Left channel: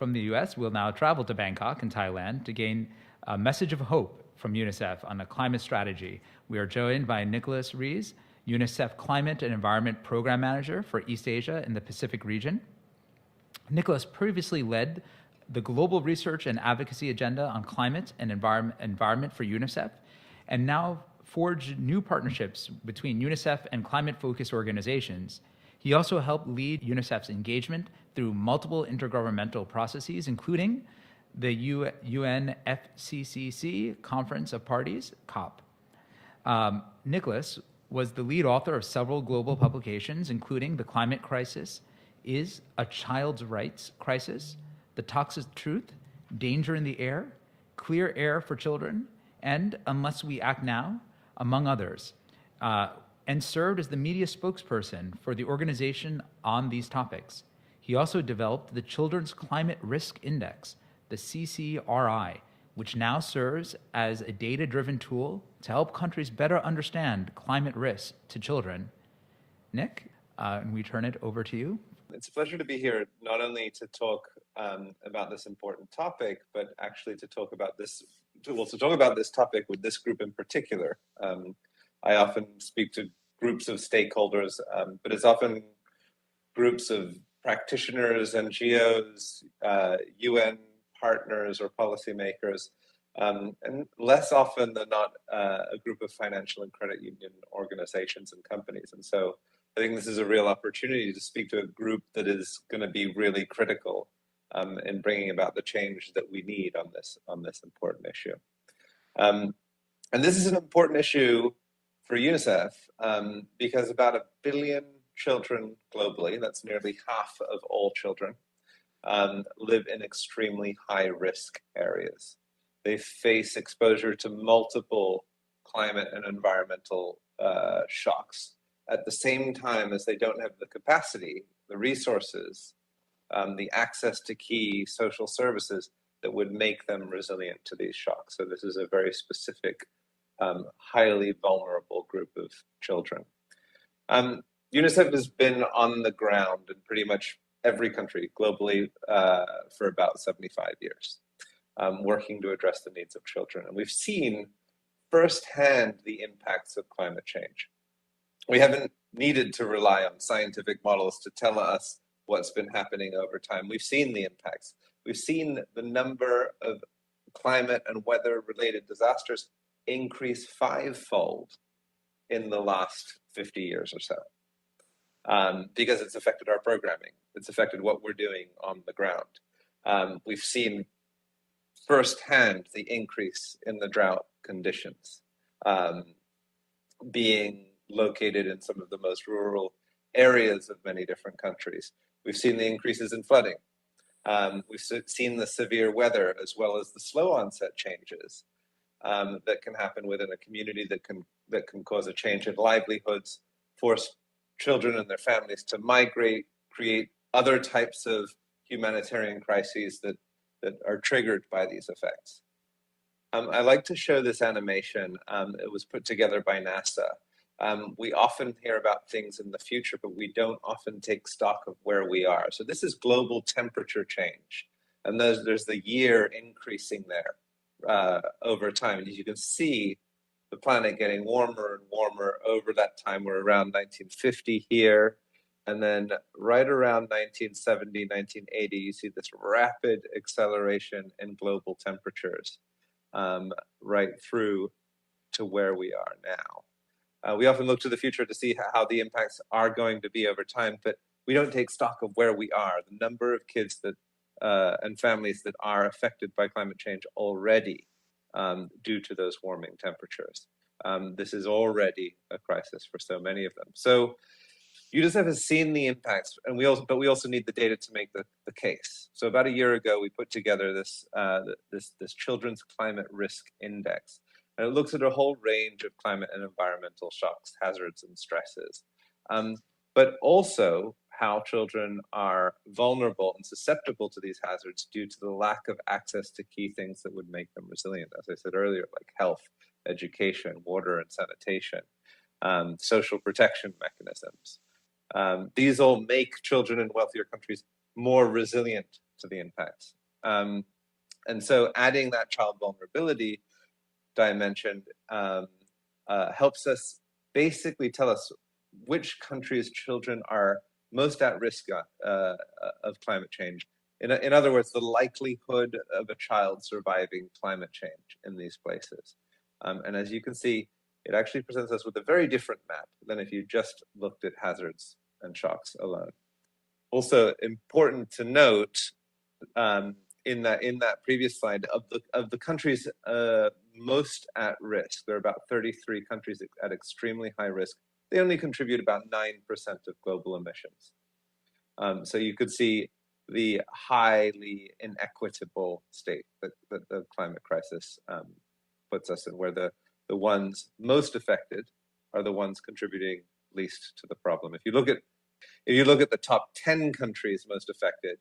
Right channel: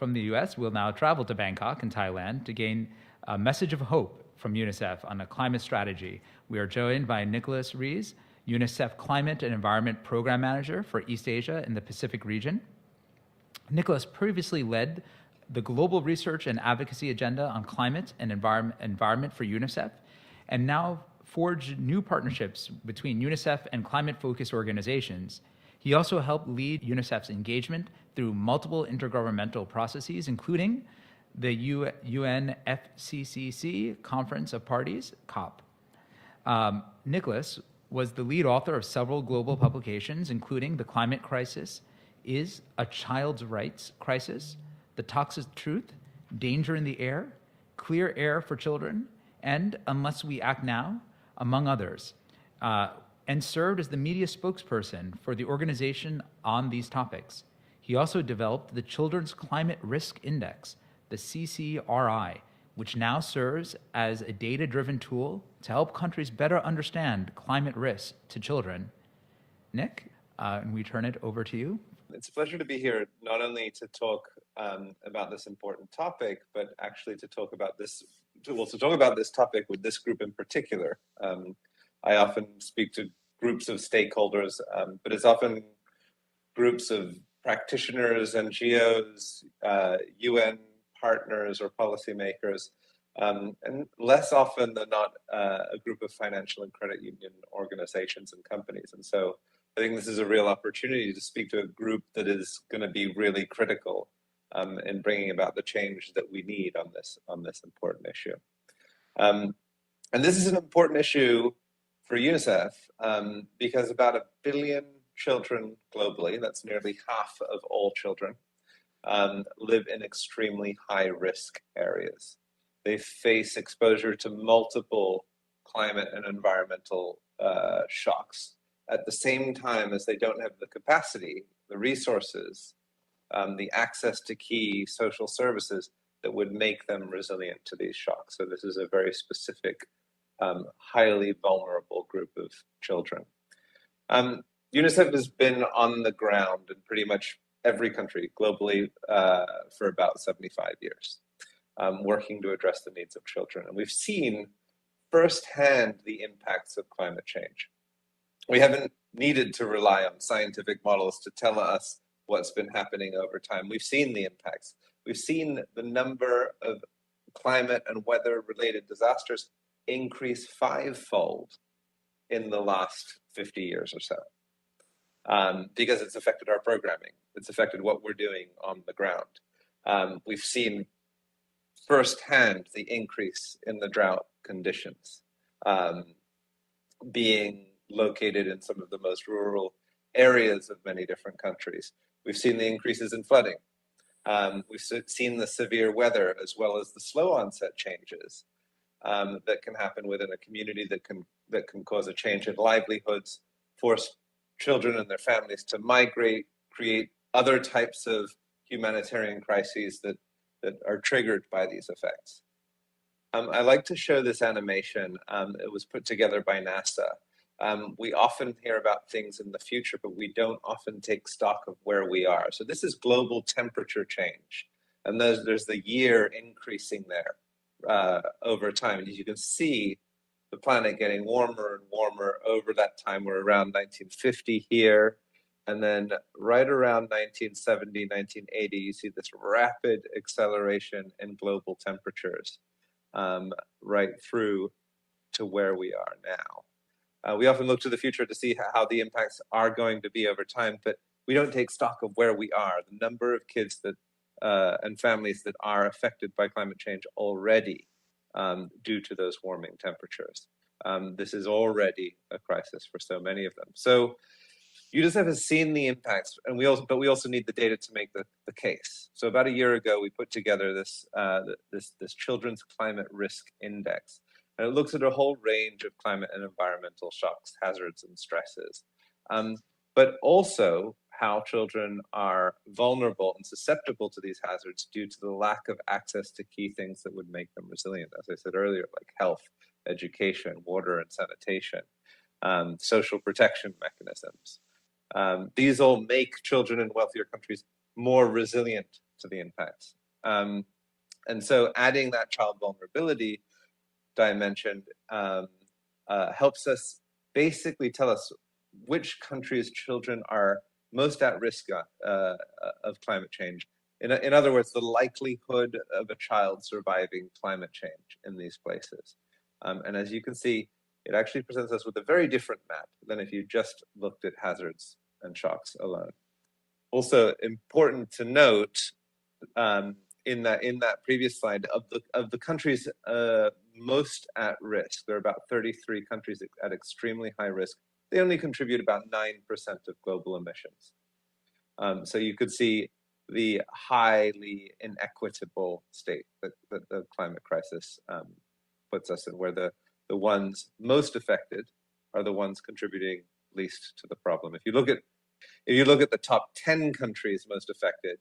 from the US, we'll now travel to Bangkok in Thailand to gain a message of hope from UNICEF on a climate strategy. We are joined by Nicholas Rees, UNICEF Climate and Environment Program Manager for East Asia and the Pacific region. Nicholas previously led the global research and advocacy agenda on climate and environment for UNICEF, and now forged new partnerships between UNICEF and climate-focused organizations. He also helped lead UNICEF's engagement through multiple intergovernmental processes, including the UNFCCC Conference of Parties, COP. Nicholas was the lead author of several global publications, including The Climate Crisis is a Child's Rights Crisis, The Toxic Truth, Danger in the Air, Clear Air for Children, and Unless We Act Now, among others, and served as the media spokesperson for the organization on these topics. He also developed the Children's Climate Risk Index, the CCRI, which now serves as a data-driven tool to help countries better understand climate risks to children. Nick, we turn it over to you. It's a pleasure to be here, not only to talk about this important topic, but actually to talk about this topic with this group in particular. I often speak to groups of stakeholders, but it's often groups of practitioners, NGOs, UN partners or policymakers, and less often than not a group of financial and credit union organizations and companies. And so I think this is a real opportunity to speak to a group that is going to be really critical in bringing about the change that we need on this important issue. And this is an important issue for UNICEF because about 1 billion children globally, that's nearly half of all children, live in extremely high-risk areas. They face exposure to multiple climate and environmental shocks at the same time as they don't have the capacity, the resources, the access to key social services that would make them resilient to these shocks. So this is a very specific, highly vulnerable group of children. UNICEF has been on the ground in pretty much every country globally for about 75 years, working to address the needs of children. And we've seen firsthand the impacts of climate change. We haven't needed to rely on scientific models to tell us what's been happening over time. We've seen the impacts. We've seen the number of climate and weather-related disasters increase 5-fold in the last 50 years or so, because it's affected our programming. It's affected what we're doing on the ground. We've seen firsthand the increase in the drought conditions, being located in some of the most rural areas of many different countries. We've seen the increases in flooding. We've seen the severe weather as well as the slow onset changes that can happen within a community that can cause a change in livelihoods, force children and their families to migrate, create other types of humanitarian crises that are triggered by these effects. I like to show this animation. It was put together by NASA. We often hear about things in the future, but we don't often take stock of where we are. So this is global temperature change. And there's the year increasing there over time. And as you can see, the planet getting warmer and warmer over that time. We're around 1950 here. And then right around 1970, 1980, you see this rapid acceleration in global temperatures right through to where we are now. We often look to the future to see how the impacts are going to be over time, but we don't take stock of where we are, the number of kids that and families that are affected by climate change already due to those warming temperatures. This is already a crisis for so many of them. So UNICEF has seen the impacts, and we also need the data to make the case. So about a year ago, we put together this Children's Climate Risk Index. And it looks at a whole range of climate and environmental shocks, hazards, and stresses, but also how children are vulnerable and susceptible to these hazards due to the lack of access to key things that would make them resilient, as I said earlier, like health, education, water and sanitation, social protection mechanisms. These all make children in wealthier countries more resilient to the impacts. And so adding that child vulnerability dimension helps us basically tell us which countries' children are most at risk of climate change. In other words, the likelihood of a child surviving climate change in these places. And as you can see, it actually presents us with a very different map than if you just looked at hazards and shocks alone. Also important to note, in that previous slide, of the countries most at risk, there are about 33 countries at extremely high risk. They only contribute about 9% of global emissions. So you could see the highly inequitable state that the climate crisis puts us in, where the ones most affected are the ones contributing least to the problem. If you look at the top 10 countries most affected,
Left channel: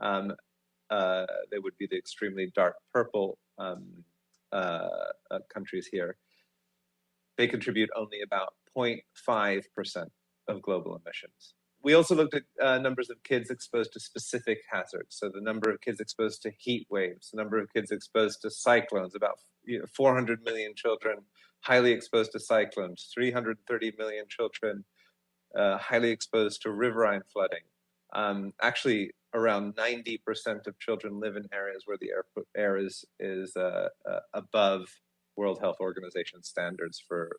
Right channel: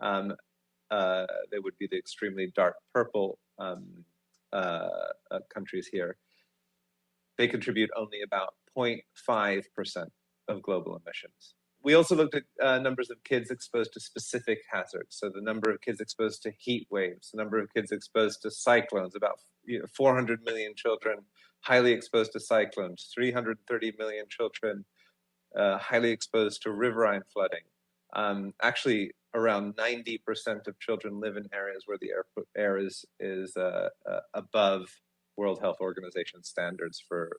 they would be the extremely dark purple countries here. They contribute only about 0.5% of global emissions. We also looked at numbers of kids exposed to specific hazards. So the number of kids exposed to heat waves, the number of kids exposed to cyclones, about 400 million children highly exposed to cyclones, 330 million children highly exposed to riverine flooding. Actually, around 90% of children live in areas where the air is above World Health Organization standards for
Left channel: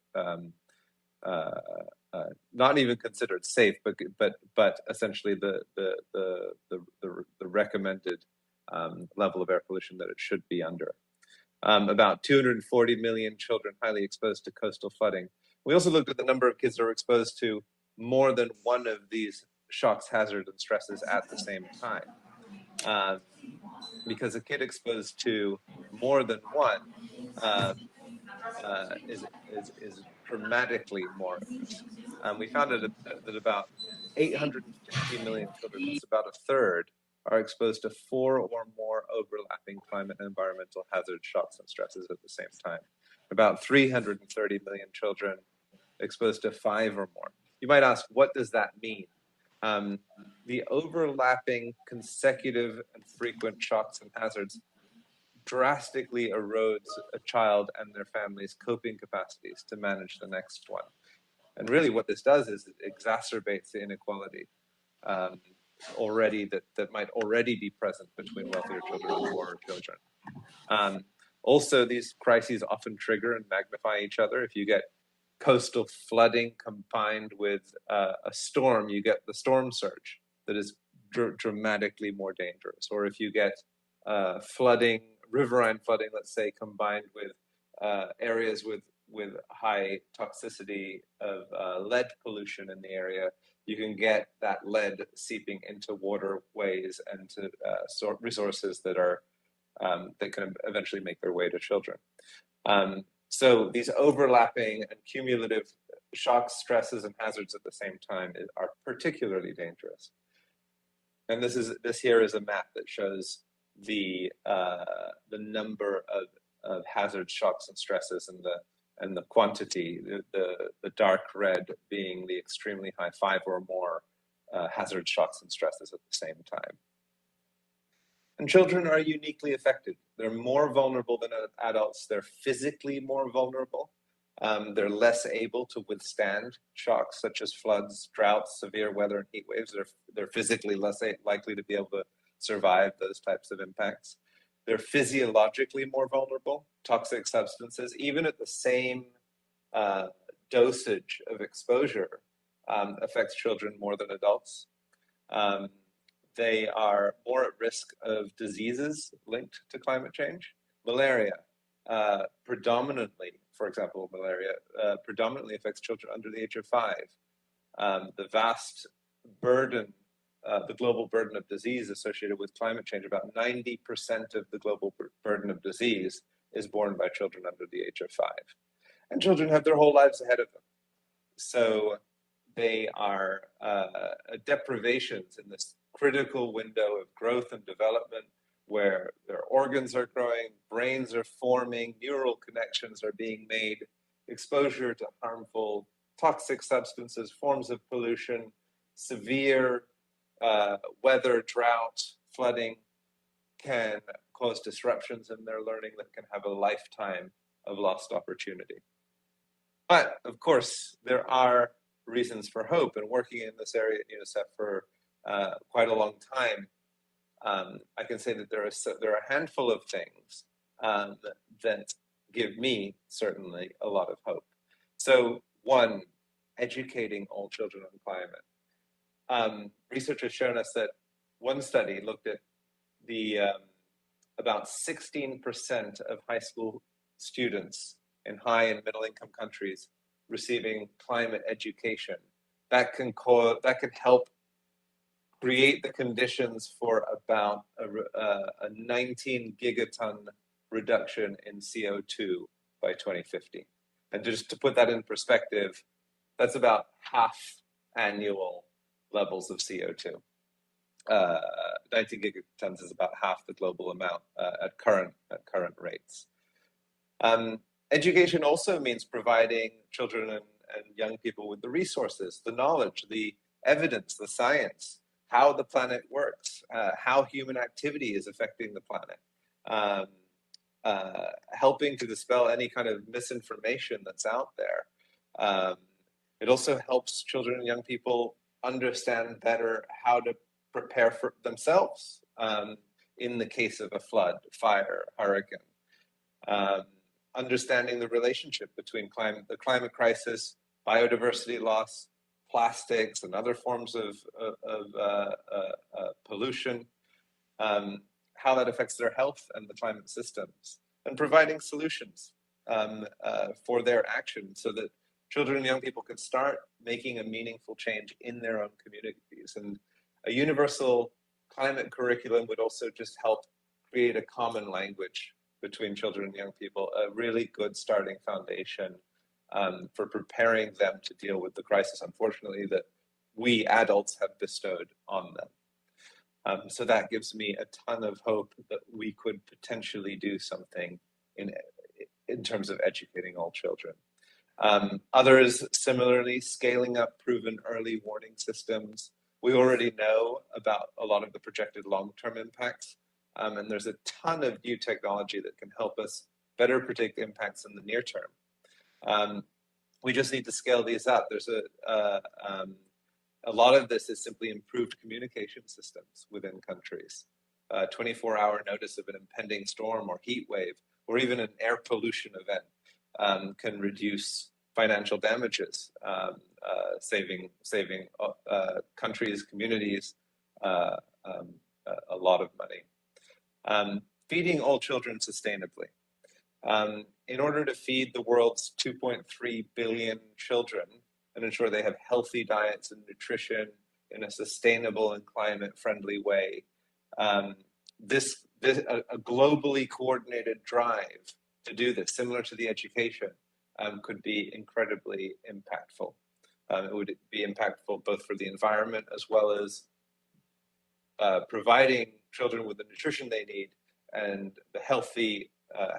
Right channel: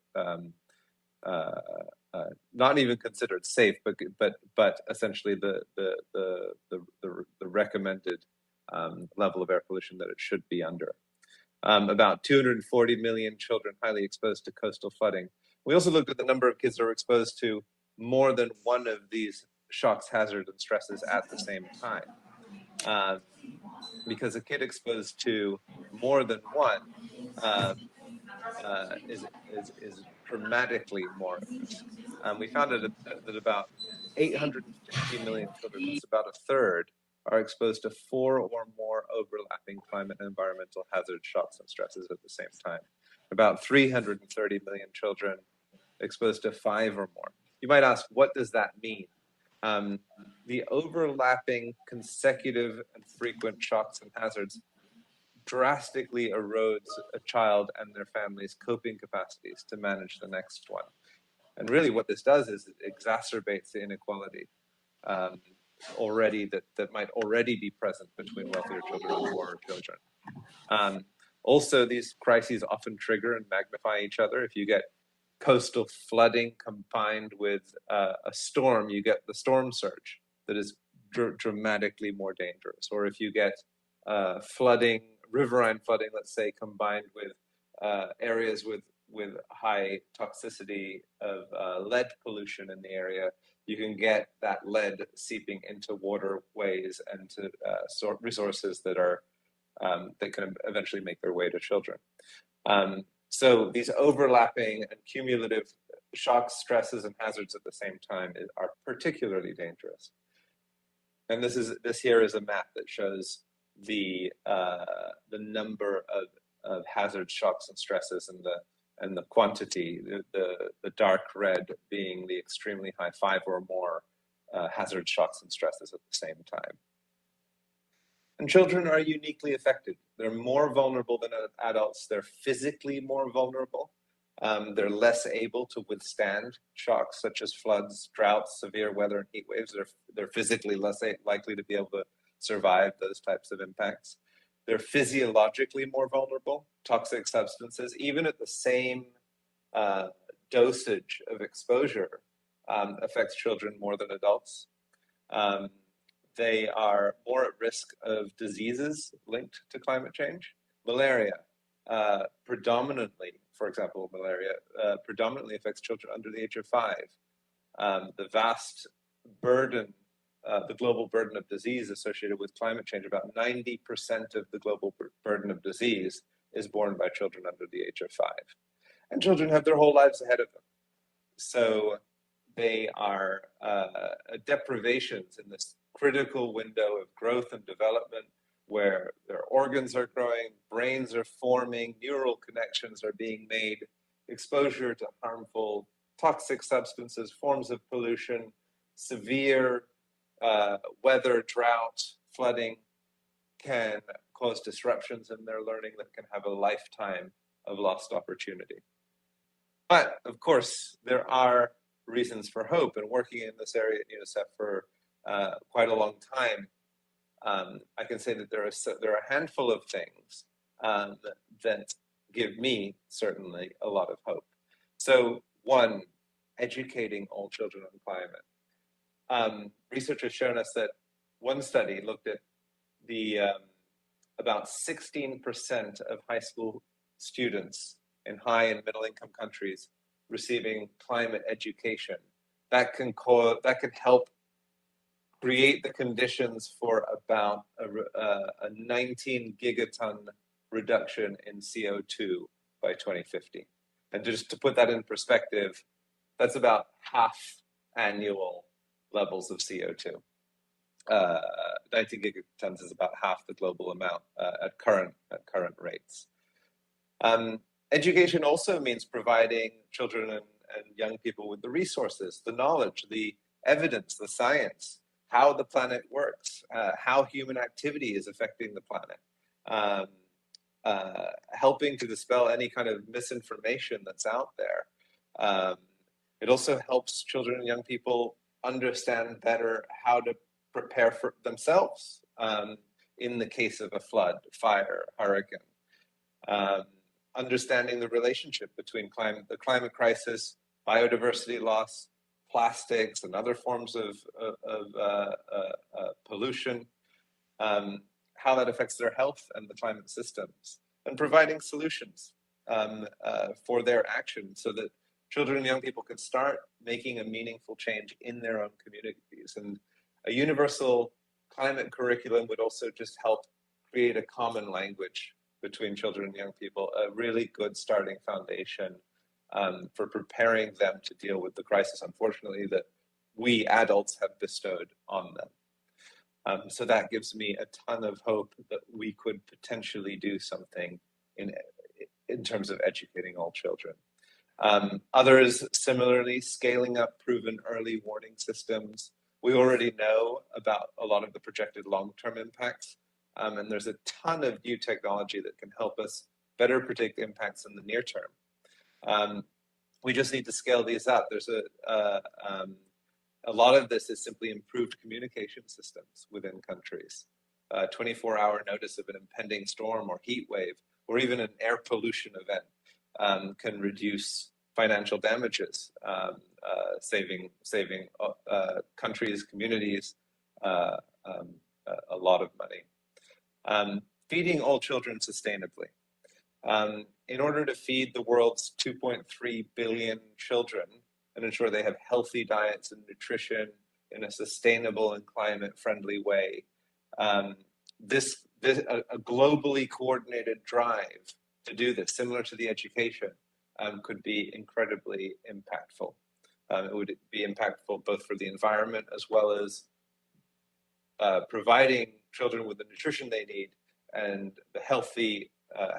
not even considered safe, but essentially the recommended level of air pollution that it should be under. About 240 million children highly exposed to coastal flooding. We also looked at the number of kids that are exposed to more than one of these shocks, hazards, and stresses at the same time. Because a kid exposed to more than one is dramatically more at risk. We found that about 850 million children, that's about a third, are exposed to 4 or more overlapping climate and environmental hazards, shocks, and stresses at the same time. About 330 million children exposed to 5 or more. You might ask, what does that mean? The overlapping, consecutive, and frequent shocks and hazards drastically erodes a child and their family's coping capacities to manage the next one. And really what this does is it exacerbates the inequality that might already be present between wealthier children and poorer children. Also, these crises often trigger and magnify each other. If you get coastal flooding combined with a storm, you get the storm surge that is dramatically more dangerous. Or if you get flooding, riverine flooding, let's say, combined with areas with high toxicity of lead pollution in the area, you can get that lead seeping into waterways and to resources that can eventually make their way to children. So these overlapping and cumulative shocks, stresses, and hazards at the same time are particularly dangerous. And this here is a map that shows the number of hazards, shocks, and stresses, and the quantity. The dark red being the extremely high 5 or more hazard, shocks, and stresses at the same time. And children are uniquely affected. They're more vulnerable than adults. They're physically more vulnerable. They're less able to withstand shocks such as floods, droughts, severe weather, and heat waves. They're physically less likely to be able to survive those types of impacts. They're physiologically more vulnerable. Toxic substances, even at the same dosage of exposure, affects children more than adults. They are more at risk of diseases linked to climate change. Malaria, predominantly, for example, predominantly affects children under the age of 5. The vast burden, the global burden of disease associated with climate change, about 90% of the global burden of disease is borne by children under the age of 5. And children have their whole lives ahead of them. So they are deprivations in this critical window of growth and development, where their organs are growing, brains are forming, neural connections are being made, exposure to harmful toxic substances, forms of pollution, severe weather, drought, flooding can cause disruptions in their learning that can have a lifetime of lost opportunity. But of course, there are reasons for hope, and working in this area at UNICEF for quite a long time, I can say that there are a handful of things that give me certainly a lot of hope. So one, educating all children on climate. Research has shown us that one study looked at the about 16% of high school students in high and middle income countries receiving climate education. That can help create the conditions for about a 19 gigaton reduction in CO2 by 2050. And just to put that in perspective, that's about half annual levels of CO2. 19 gigatons is about half the global amount at current rates. Education also means providing children and young people with the resources, the knowledge, the evidence, the science, how the planet works, how human activity is affecting the planet, helping to dispel any kind of misinformation that's out there. It also helps children and young people understand better how to prepare for themselves in the case of a flood, fire, hurricane. Understanding the relationship between the climate crisis, biodiversity loss, plastics, and other forms of pollution, how that affects their health and the climate systems, and providing solutions for their actions so that children and young people can start making a meaningful change in their own communities. And a universal climate curriculum would also just help create a common language between children and young people, a really good starting foundation for preparing them to deal with the crisis, unfortunately, that we adults have bestowed on them. So that gives me a ton of hope that we could potentially do something in terms of educating all children. Others, similarly, scaling up proven early warning systems. We already know about a lot of the projected long-term impacts, and there's a ton of new technology that can help us better predict impacts in the near term. We just need to scale these up. There's a lot of this is simply improved communication systems within countries. 24-hour notice of an impending storm or heat wave, or even an air pollution event can reduce financial damages, saving countries, communities a lot of money. Feeding all children sustainably. In order to feed the world's 2.3 billion children and ensure they have healthy diets and nutrition in a sustainable and climate-friendly way, a globally coordinated drive to do this, similar to the education, could be incredibly impactful. It would be impactful both for the environment as well as providing children with the nutrition they need and the healthy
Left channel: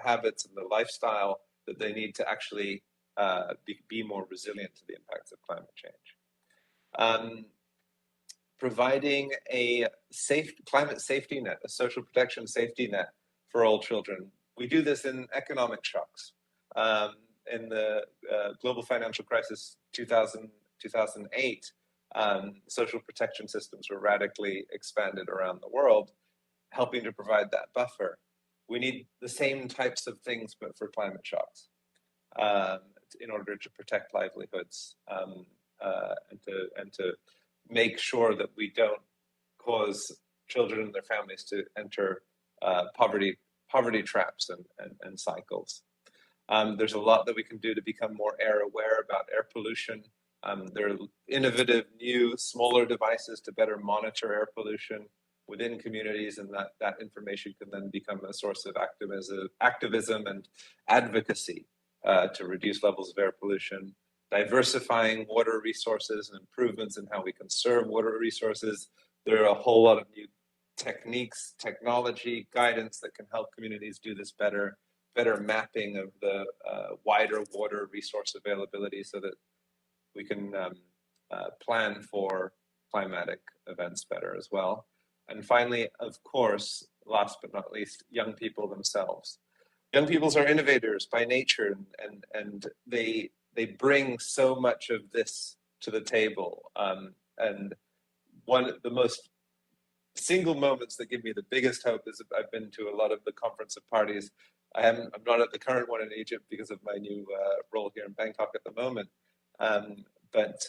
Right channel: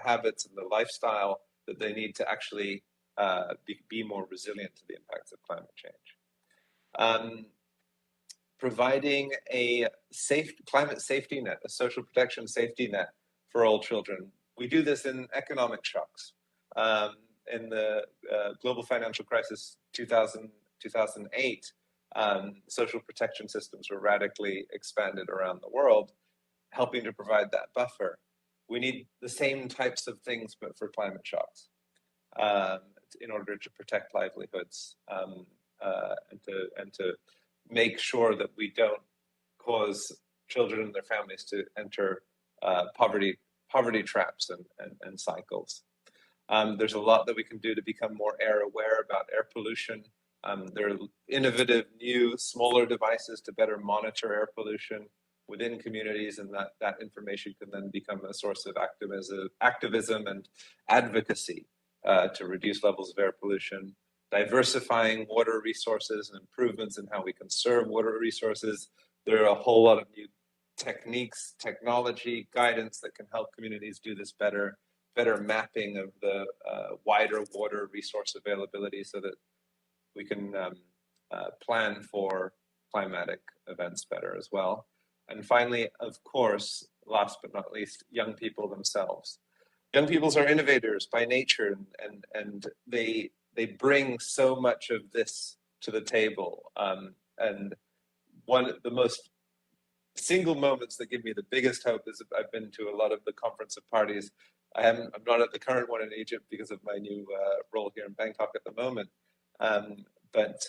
habits and the lifestyle that they need to actually be more resilient to the impacts of climate change. Providing a climate safety net, a social protection safety net for all children. We do this in economic shocks. In the global financial crisis 2008, social protection systems were radically expanded around the world, helping to provide that buffer. We need the same types of things, but for climate shocks, in order to protect livelihoods and to make sure that we don't cause children and their families to enter poverty traps and cycles. There's a lot that we can do to become more aware about air pollution. There are innovative, new, smaller devices to better monitor air pollution within communities, and that information can then become a source of activism and advocacy to reduce levels of air pollution. Diversifying water resources and improvements in how we conserve water resources. There are a whole lot of new techniques, technology, guidance that can help communities do this better mapping of the wider water resource availability so that we can plan for climatic events better as well. And finally, of course, last but not least, young people themselves. Young peoples are innovators by nature, and they bring so much of this to the table. And one of the most single moments that give me the biggest hope is I've been to a lot of the conference of parties. I'm not at the current one in Egypt because of my new role here in Bangkok at the moment. But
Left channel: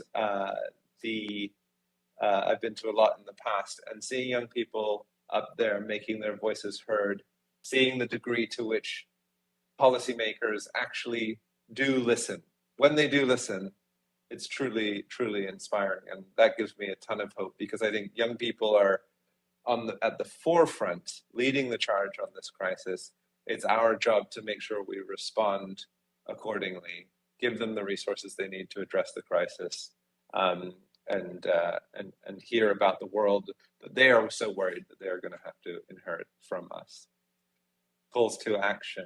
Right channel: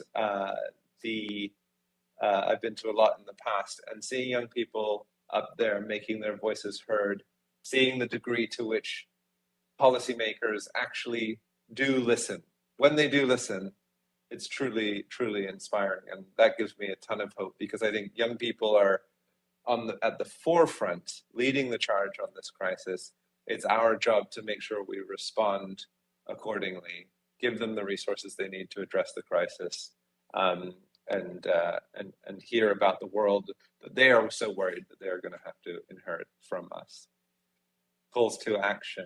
I've been to a lot in the past, and seeing young people up there making their voices heard, seeing the degree to which policymakers actually do listen. When they do listen, it's truly, truly inspiring. And that gives me a ton of hope, because I think young people are at the forefront, leading the charge on this crisis. It's our job to make sure we respond accordingly, give them the resources they need to address the crisis, and hear about the world that they are so worried that they're going to have to inherit from us. Calls to action.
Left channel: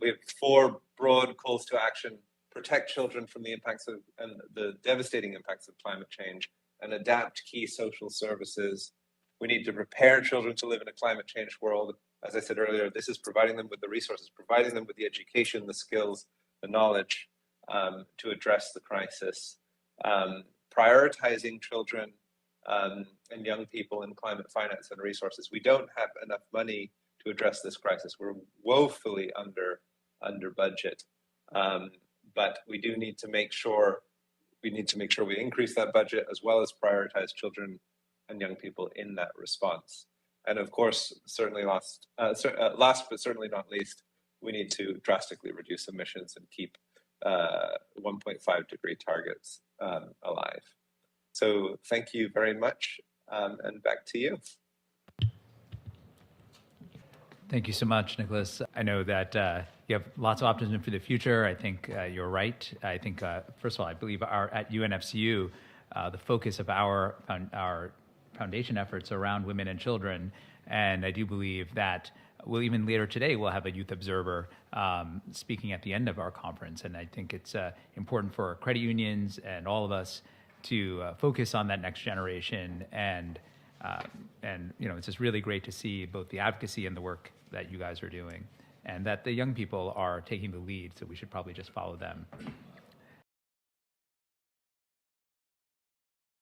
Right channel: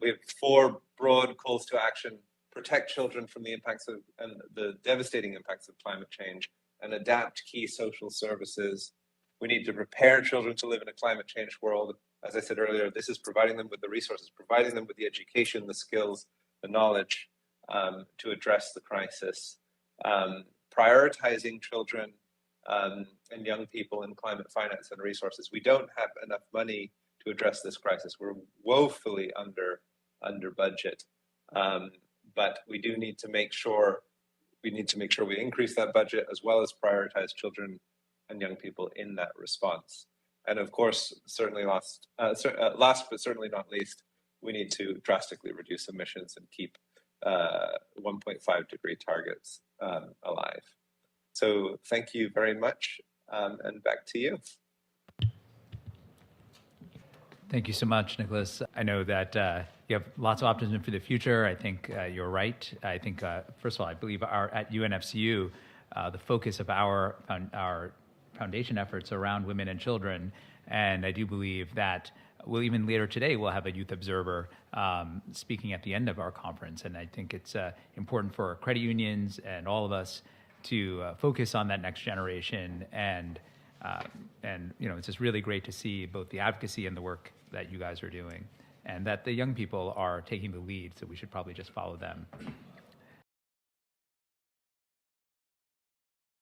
We have 4 broad calls to action: protect children from the impacts of and the devastating impacts of climate change, and adapt key social services. We need to prepare children to live in a climate change world. As I said earlier, this is providing them with the resources, providing them with the education, the skills, the knowledge to address the crisis. Prioritizing children and young people in climate finance and resources. We don't have enough money to address this crisis. We're woefully under budget, but we do need to make sure we increase that budget, as well as prioritize children and young people in that response. And of course, certainly last but certainly not least, we need to drastically reduce emissions and keep 1.5 degree targets alive. So thank you very much, and back to you. Thank you so much, Nicholas. I know that you have lots of optimism for the future. I think you're right. I think, first of all, I believe at UNFCU, the focus of our foundation efforts around women and children, and I do believe that even later today, we'll have a youth observer speaking at the end of our conference. And I think it's important for credit unions and all of us to focus on that next generation. And it's just really great to see both the advocacy and the work that you guys are doing, and that the young people are taking the lead. So we should probably just follow them.